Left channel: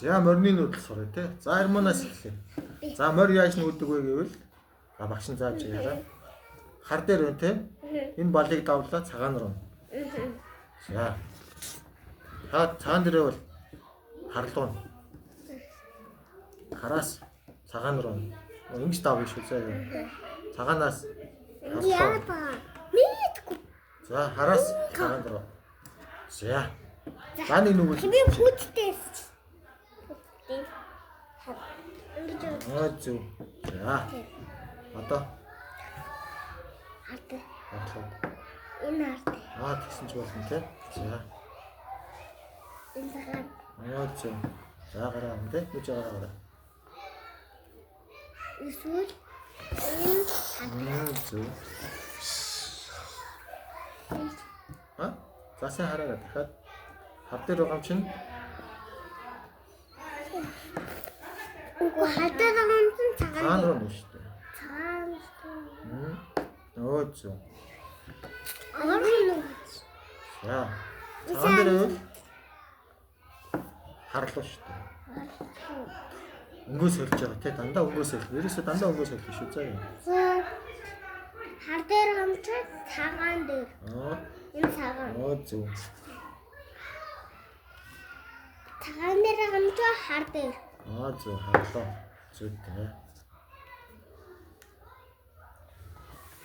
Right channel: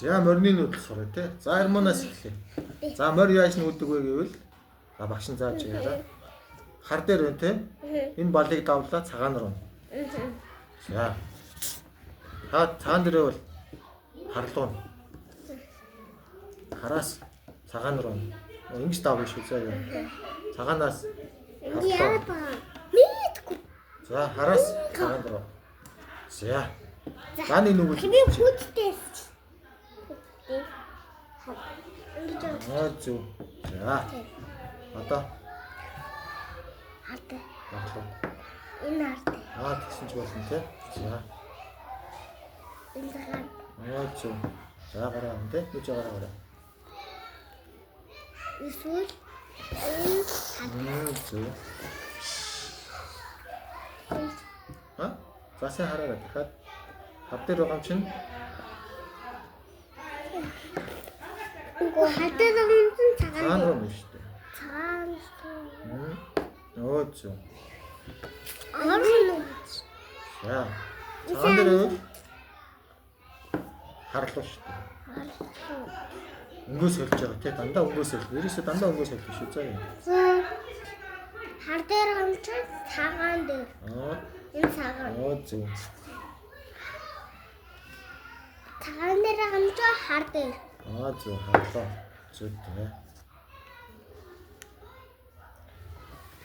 За морины нүүдэл сураа тий. За Армунаас эхлэе. За морь яаж нүүдэг вэ гэвэл за багш нь зааж яриа. Хар дээр байна тий. Энэ балыг давлаа цагаан руу. За. Та цагаан дээрээ бол харлуун. Хараас цагаан руу. Ингэж давж шүү заа. Цагаанаас харлуун. За хараас цагаан руу. За. За нэг нүгэл. Би бүттэй. Зү. За. Одоо Хатаа. харлуун. Энэ хатаа. Тэгсэн ч болно тий. За. Энэ цагаан. Зү. За гараа юм тий. Нүж гараа. Эсвэл Зү. За сайн хараарай дахиад хар дээр байгаа юм чинь үгүй хатаа юм чинь цагаан цагаан. руу нь шүү дээ. Цагаан. Зү. Орно. За. Цагаан дээр харлуу шүү дээ. Өнгөөс хөлж байгаа тий дандаа өнгөөс хөл. Ерөөсөө дандаа өнгөөс хөл шүү заа юм. За. Хар дээр юм чинь цагаан дээр. Энэ цагаан. Зү. Цагаан дээр юм чинь хар дээр. Зү харлуу. Зү тий.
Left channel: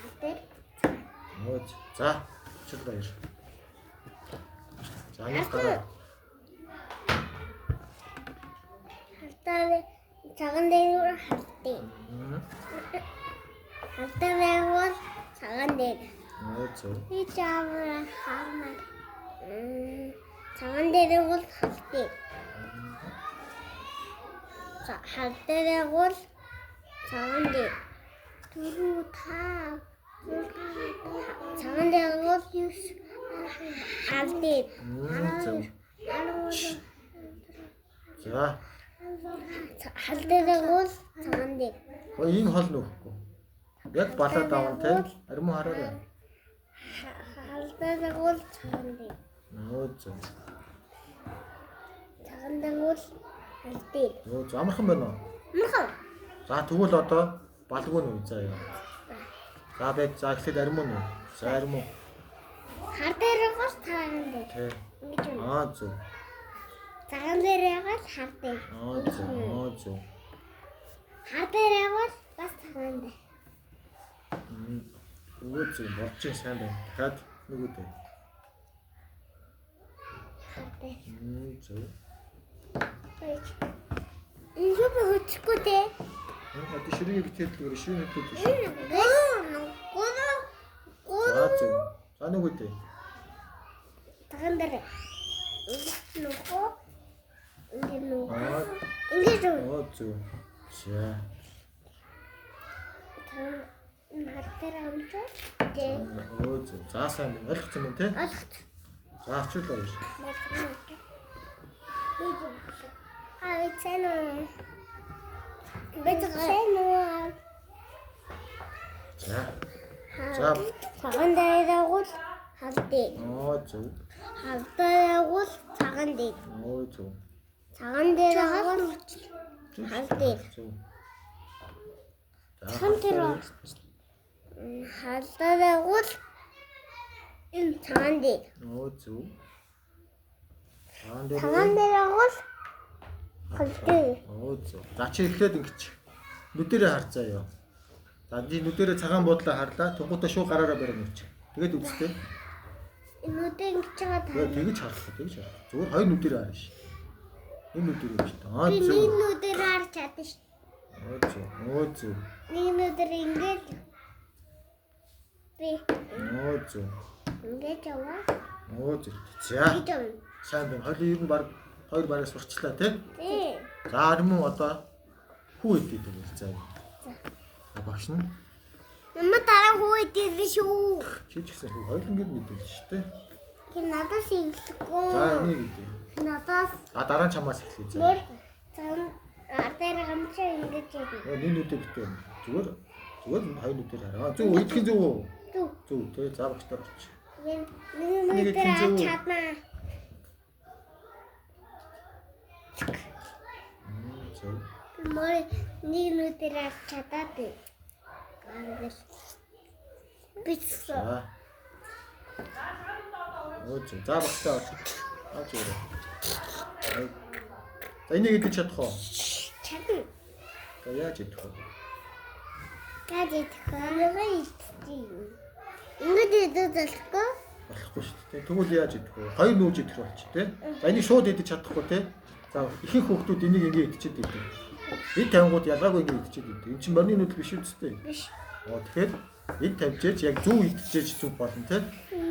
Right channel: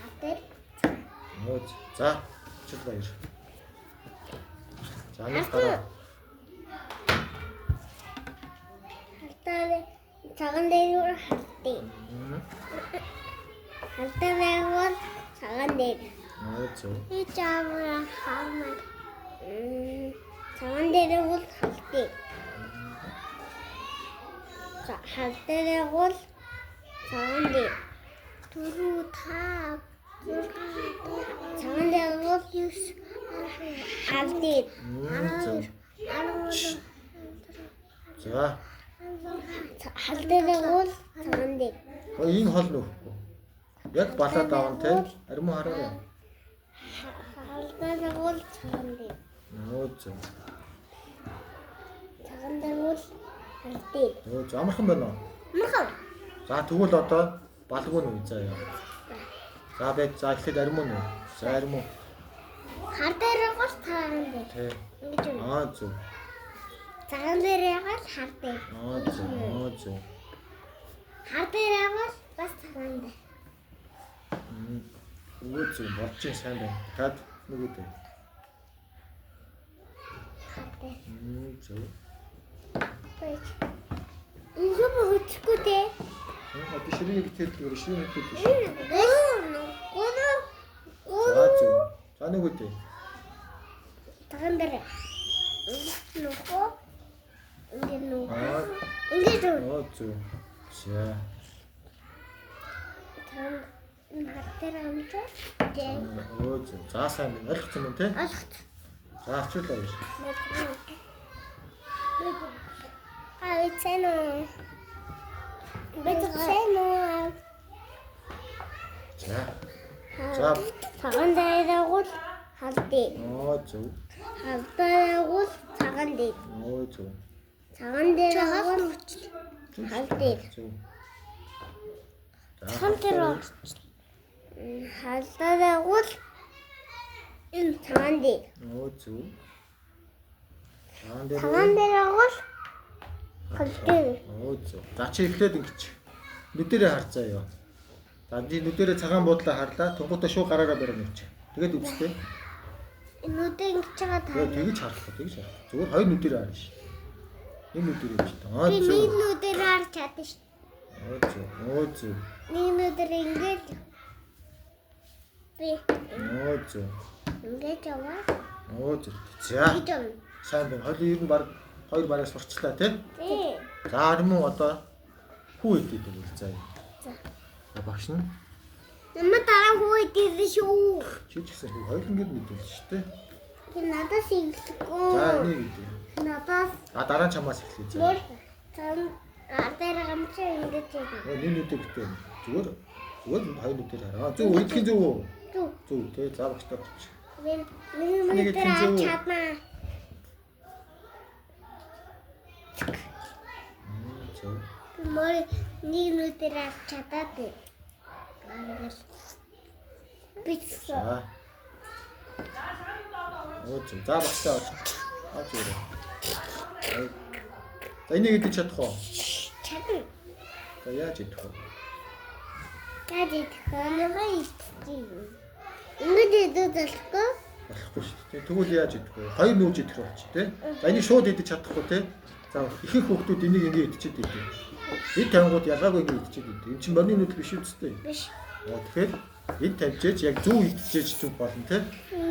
Хар дээр. За. Чил баяр. За нэг гараа. Хатаа цагаан дээр хатаа. Хатаа дээр цагаан дээр. Зү. И чамаа хармаа. Цагаан дээр бол хатаа. Хатаа дээр бол цагаан дээр. Түрүү таа. Цагаан дээр бол юус хатаа. Зү. За. Хатаа дээр бол цагаан дээр. Энэ хол нөхгүй. Яг балаа даван тий. Армуу хараарай. Хатаа дээр бол цагаан дээр. Зү. Цагаан дээр бол хатаа. Зү амархан байна уу? Махав. За тэгвэл одоо балгүй нь үе заа яа. За бай за ихэд армуу нь. За армуу. Хар дээр бол цагаан дээр. Тий. Ингэж юм. Зү. Цагаан дээр бол хар дээр. Зү. Хар дээр бол бас цагаан дээр. Зү болж сайн байна. Дахиад нүгүдээ. Хар дээр. Зү. Энэ юу хөтөхгүй те? Одоо ширээ идэхээр ширээ идэхэд биш. За зү. За нүгүдээ. Цагаан дээр. Нөхөө. Ингэж үү? Зү. За. Хар дээр амжаа. Зү. За сайн байна. Ойлгосон юм тий? Алхт. За ачаал баяр. Айцэнэ. Бэцэнэ. За. За. Цагаан дээр бол халтыг. Зү. Халтыг бол цагаан дээр. Зү. Цагаан дээр бол халтыг. Зү. Цагаан дээр халтыг бол энэ цагаан дээр. Зү. Цагаан дээр Цагаан дээр бол халтыг. Зү. За чи эхлээд ингэж нүдэрээ харцаа ёо. За чи нүдэрээ цагаан буудлаа харлаа. Тугуутаа шууд гараараа барина үуч. Тэгээд үзтээ. Нүдэ ингэж байгаа та. Тэгэж харах. Зүгээр хоёр нүдэрээ харна ш. Энэ нүдэрээ гэж та. Би нэг нүдээр харж чадсан ш. Зү. Нэг нүдээр ингэж. Би Зү. ингэж яваа. Зү. За. Ингэж явна. Сайн байна. Хоёул ер нь баг хоёр бараа сурчлаа тий. Тий. За армуу одоо хүү идэв тэгвэл заа. За багш нь Нэмэ дараа хөөд ирсэн шүү. чи ч гэсэн хүү хоёулын гэр мэдүүлж шүү дээ. Би надаас иглэхгүй. За энийг идэв. Надаас Дараа нь чамаас эхлэе заа. мөр цан ардаар гамчаа ингэж явна. Нэг нүдэ битээ. Зүгээр хоёр нүдээр хараа. Зүг идэхин зүг үү? Зүг тий. За багш таа. Нэг нүдээр харж чадмаа. зөв. Мөр нэг нүдээр авч чадаад бай. Бицсэн. За. Өө зөв. За багтаа авч. Авч ирээ. За энийг идэж чадах уу? Чадна. За яаж идэх вэ? Яаж идэх вэ? Ингэж идэж болохгүй. Болохгүй шүү дээ. Тэгвэл яаж идэх вэ? Хоёр нүүж идэх болчих тий. За энийг шууд идэж чадахгүй тий. За ихэнх хүүхдүүд энийг ингэ идчихэд идэв. Эд тавингууд ялгаагүй ингэ идчихэд идэв. Энд чинь борны нүүдэл биш үстэй. Биш. Тэгэхээр эд тавьжээж яг зөв идчихэж зүг болно тий.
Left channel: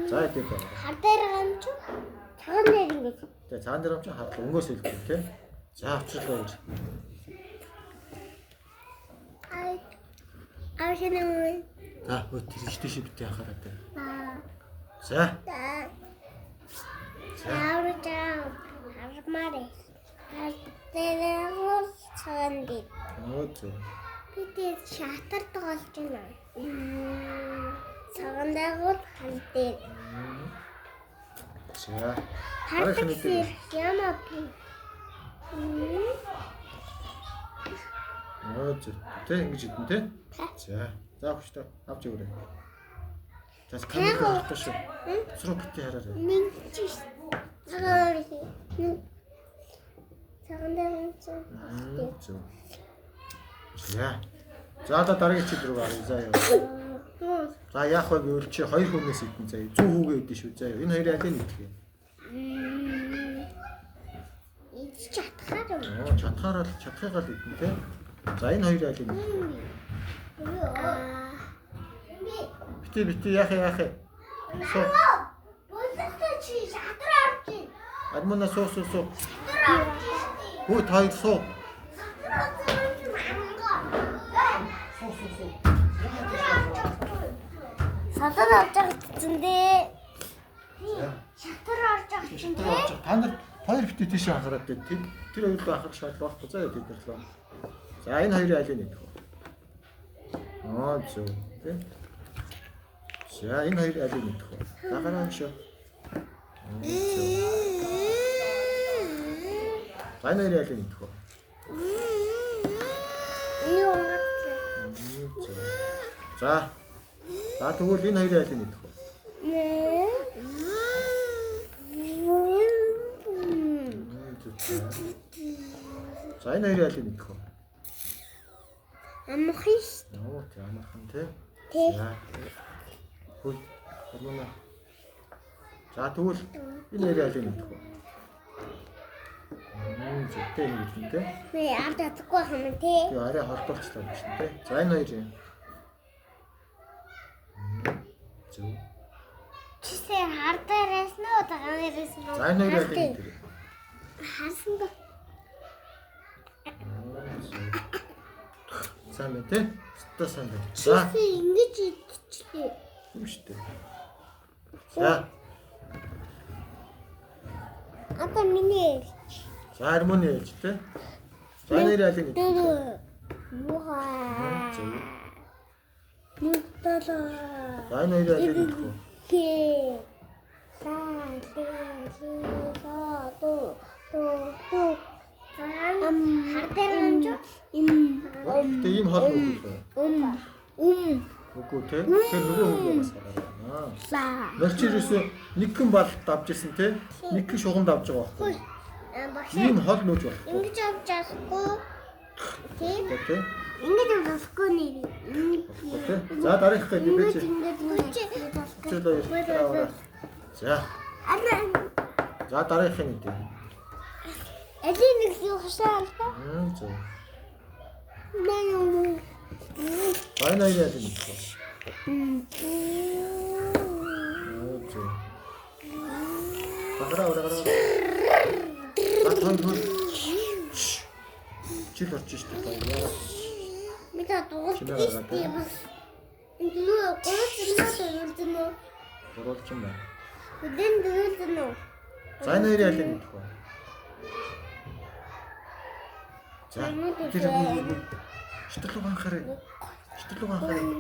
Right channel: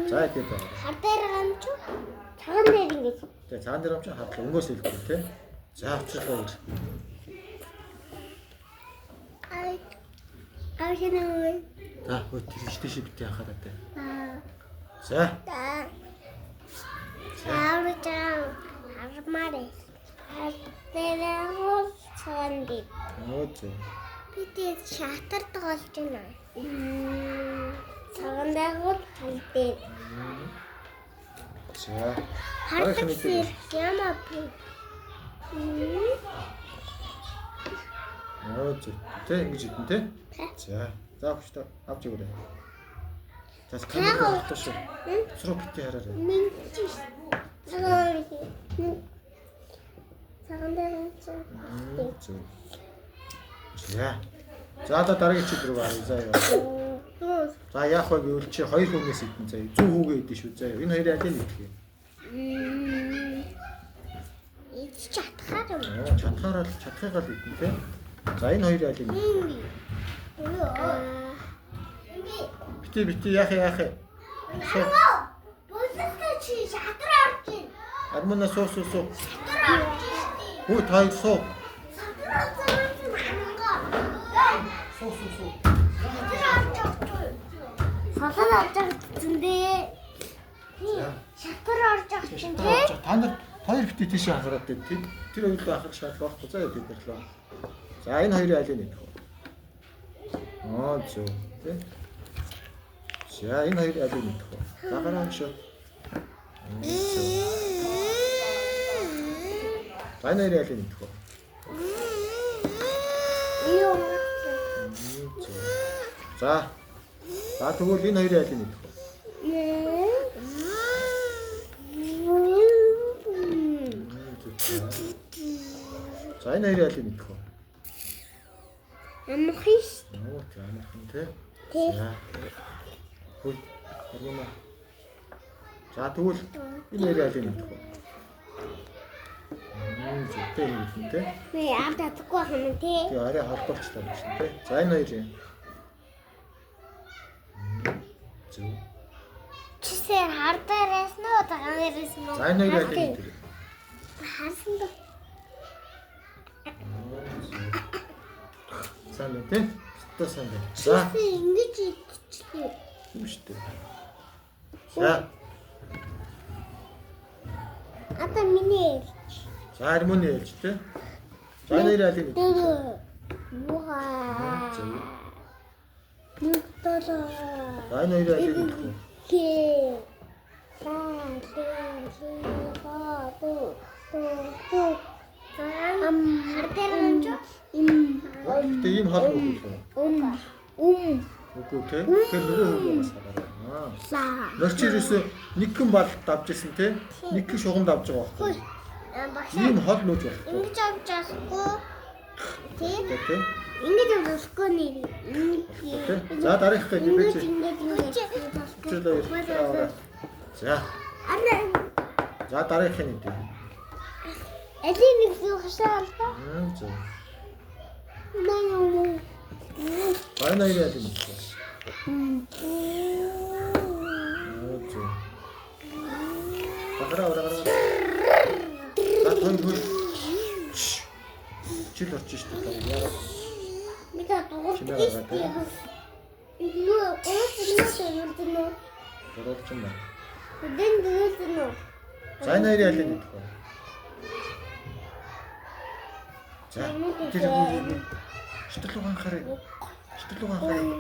За идэх байгаа. Хар дээр гамч. Цагаан дээр ингэж. Тэгээ цаан дээр амч хадлаа өнгөөс хэлдэг тий. За авчихлаа. Авчихнаа. За хөө тэр ихтэй шиг битээ анхаараа тий. За. Авчаа. Армари. Тэрээ цаанд. Өө зөв. Бид шатар тоглож байна. Цагаандагууд хамтээ. За. Харахны тий. Ямаа. Өө зөв. Тэ ингэж идэн тий. За. За хүчтэй авч өгөөрэй. За камераа авах шүү. Сруу битээ хараарай. Минчис. Цагаандагууд. Зөв. За. За одоо дараагийн чиг рүү гаръя заа ёо. За яах вэ гэвэл чи хоёр хүнээс идэн заа. Зүү хүүгээ идэн шүү заа ёо. Энэ хоёрын аль нь идэх юм? Идэж чадхаар юм. Оо чадхаагаар идэн тий. За энэ хоёрын аль нь идэх юм? Бити яах. Суу. Бүлэстэй чи шатар авч ийн. Армана суу. Шатар авч ийн. Хөө таа суу. Шатар авч ийн. Суу. Шатар авч ичэндээ. Шатар авч ичэндээ. Та нар хоёр бити тийш анхаарат дээ. Тэр хоёрыг анхаарах шаардлага байхгүй заа бид нэрлээ. За энэ хоёрын аль нь идэх вэ? Аа зөв. Тэ. За энэ хоёр аль нь идэх вэ? За гараа шүү. За энэ хоёрын аль нь идэх вэ? Юу. За. За тэгвэл энэ хоёрын аль нь идэх вэ? За энэ хоёрын аль нь идэх вэ? Амхиш. Ноо тэ амархан тэ. Тэ. За. Хөл армана. За тэгвэл энэ хоёрын аль нь идэх вэ? Зүгтэй нэг юм тэ. Би авч чадахгүй хам тий. Тэгээ арай холбоочлоо биш тэ. За энэ хоёрын. Зүг. Чисээр хардаараас нөө тагаанаас нөө. За энэ хоёрын аль нь идэх вэ? Харсан ба. Сайн байна тий. Өстө сайн байна. За. Чисээ ингэж идчихлээ. Юм шүү дээ. За. Ата миний. За армоны ялж тий. За энэ хоёрын аль нь идэх вэ? Юугаа. Зөв. Нүдтала. За энэ хоёрын аль нь идэх вэ? Хээ. Сан тээ. Хардаар амж. Тэ ийм хол нүгэл. Үгүй те. Тэр нөгөө хүн бас хараа. Нөрч ирээсөө нэг хэн бал давж исэн те. Нэг хэн шугамд авч байгаа байхгүй. Ийм хол нүүж байхгүй. Ингэж авч чадахгүй. Тий? Тэ. Ингэж авч чадахгүй нэр. Тэ. За дараах гэж бэж. Ингэж. За. За дараах нь дээ. Эдийн нэг юу хашаа. Зөв. Наа юм. Байна уу яа гэдэг вэ? Зөв. Багараа. Хөл. Чил очиж шүү дээ. Яагаад? Бид дуурайх юм. Юу оолцсон Боролч юм байна. Бидэн дөрөлдөн. За энэ хоёрын аль нь идэх вэ? За тэр үгүй шитгэл угаанхаар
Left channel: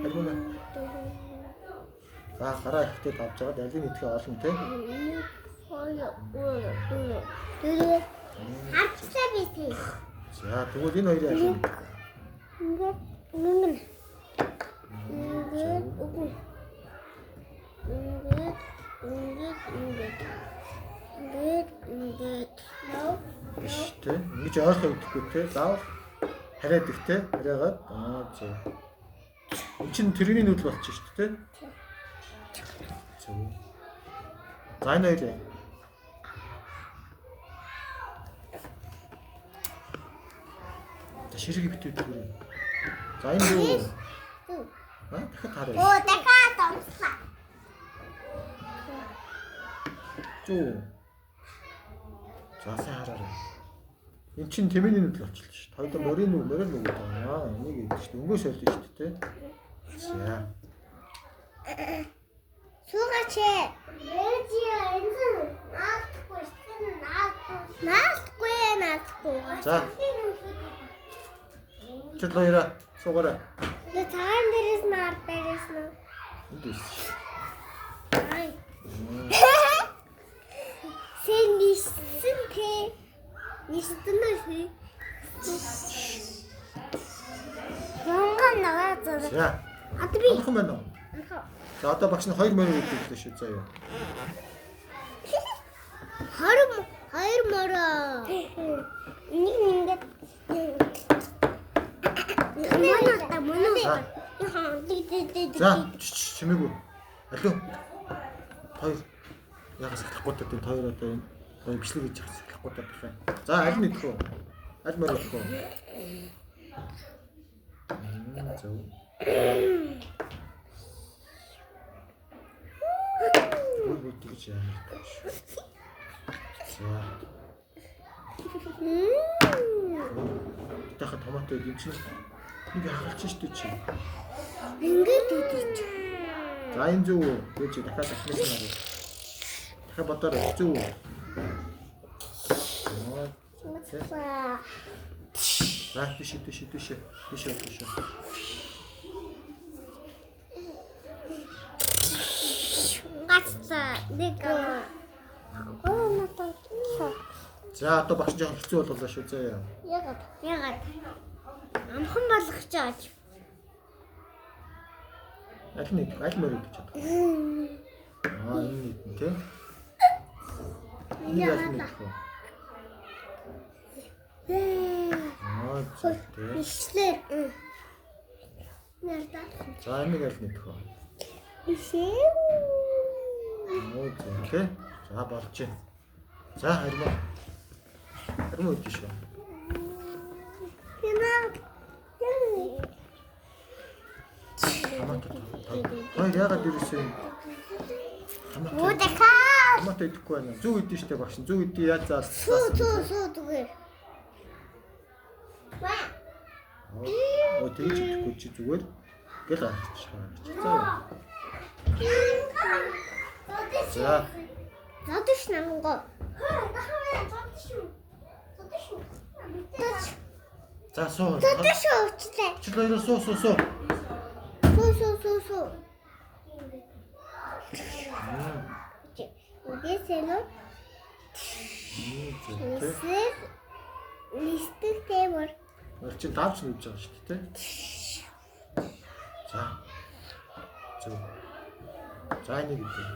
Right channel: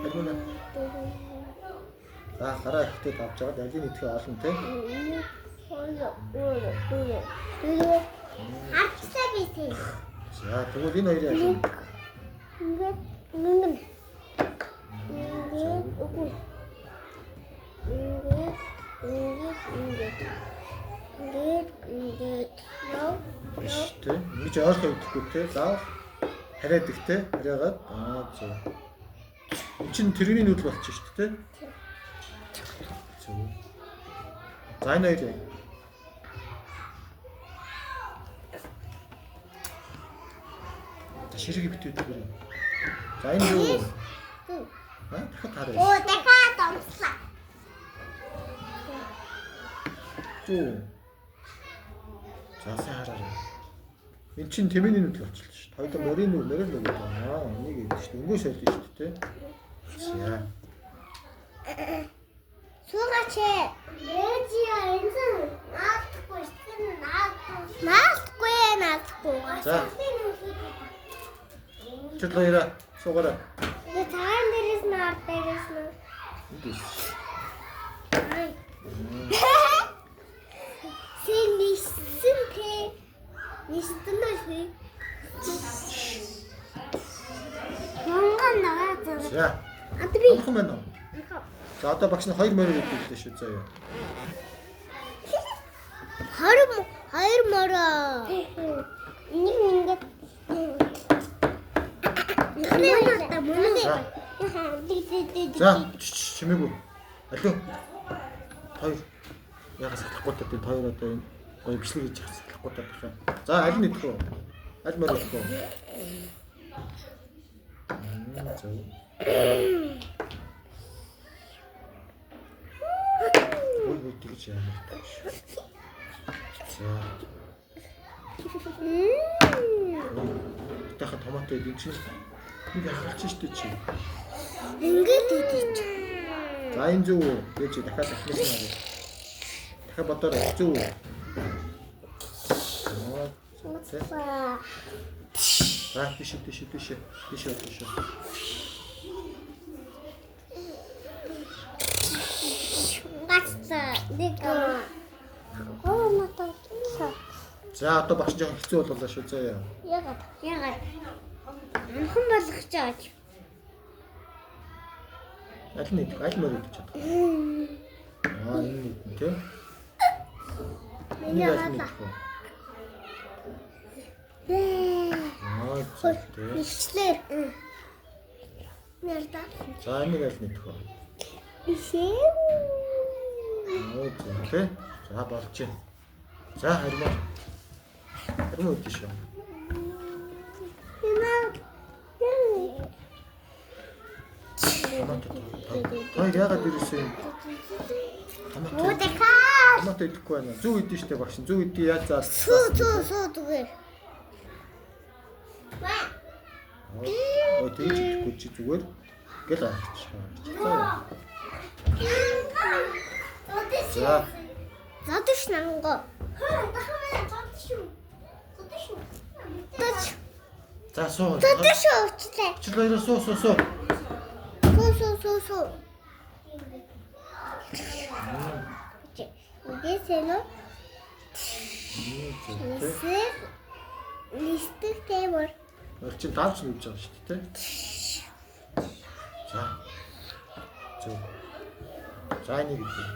аргуна. За хараа ихтэй давж байгаа аль нь идэхээ олон те. Хацсаа битээ. За тэгвэл энэ хоёрын аль нь? Ингээд ингэн. Ингээд үгүй. Ингээд. Нөө. Тэ. Ингэж ойлгох идэхгүй те. Заавал хараад их те. Хараагаад зөв. Энд чинь тэрний нүүдэл болчих шүү дээ те. Зөв. За энэ хоёрын. Ширэг битүүдэг үү? За энэ юу? Дахиад харъя. Дахиад онцлаа. Зүү. За сайн хараарай. Энд чинь тэмээний нүдл болчихлоо шүү. Хоёул морин нүг байна. Энийг гэдэг шүү. Өнгөө сольж шүү дээ. За. Суугаач. Наалтгүй. За. Тэд хоёроо суугаарай. Би цагаан дээрээс наартайгаас нь. Эндээс. Ай. Сэнийсэн тэ. Нистэнэ. Янган наваад. За. Адби. Амхан байна уу? За одоо багш нь 2 морин гэдэг шүү заяа. Хоёр мороо. Ингээд За чимээгүй. Алуу. Хоёр. Ягас сахлахгүй таа тэр хоёр одоо энэ гоё бичлэг хийж явах сахлахгүй таа байна. За аль нь идэх вэ? Аль морь идэх вэ? Зөв. Ой тэгж яана. За. Дахиад томатоо идэх чинь ингээ хагалж штэ чи. ингээд идэж. За энэ зөв үү? Гэж дахиад ахлах юм аа. Дахиад бодорой зөв үү? За тийш. Гацаа нэг. За одоо багш жоохон хэцүү боллоо шүү заяа. Ягаад? Амхан болгож чааж. Аль нь идэх? Аль морь идэх чадах? Энэ идэх тий. Энэ аль нь идэх вэ? Тий. Ишлэр. Нэрдэ. За энийг аль нь идэх вэ? Ишээ. Тий. За болж байна. За хармаа. Хармаа идэх шүү. Хоёр яагаад ирсэн юм? Томато идэхгүй байна. Зүг идэв штэ багш. Зүг идэх яаж заа. Суу зүгээр. Ой тэгж идэхгүй чи зүгээр. Гэл авчих. За. Задиш нанго. За суу. Задиш уучлаа. Чи хоёроо суу. Суу. Үгээсэло. Листик тэмэр. Орчин таавч нүж байгаа шүү дээ. За. Зөв. За энийг идэх.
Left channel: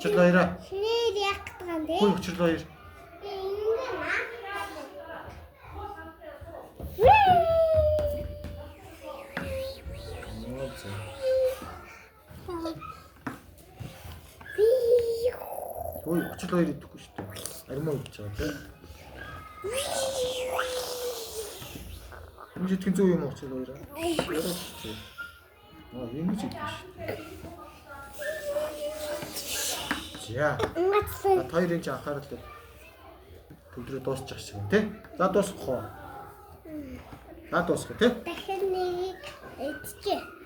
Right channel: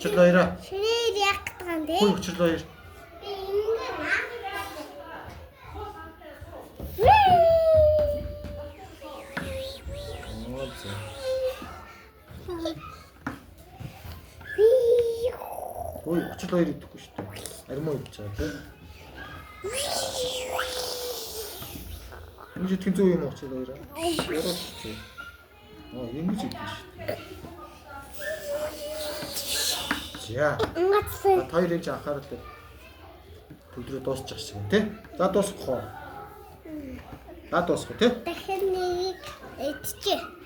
Чил хоёроо. Ширээ яг тань дээ. Хүй чил хоёр. Ой, чил хоёр идэхгүй шүү дээ. Армаа идэж байгаа тийм. Энд итгэн зүү юм уу чил хоёроо? Ингэж идэх шүү дээ. За. Хоёрын ч анхаарал төвдрөө дуусчих шиг юм тий. За дуусгах уу? За дуусгах тий. Дахин нэг идчихэ.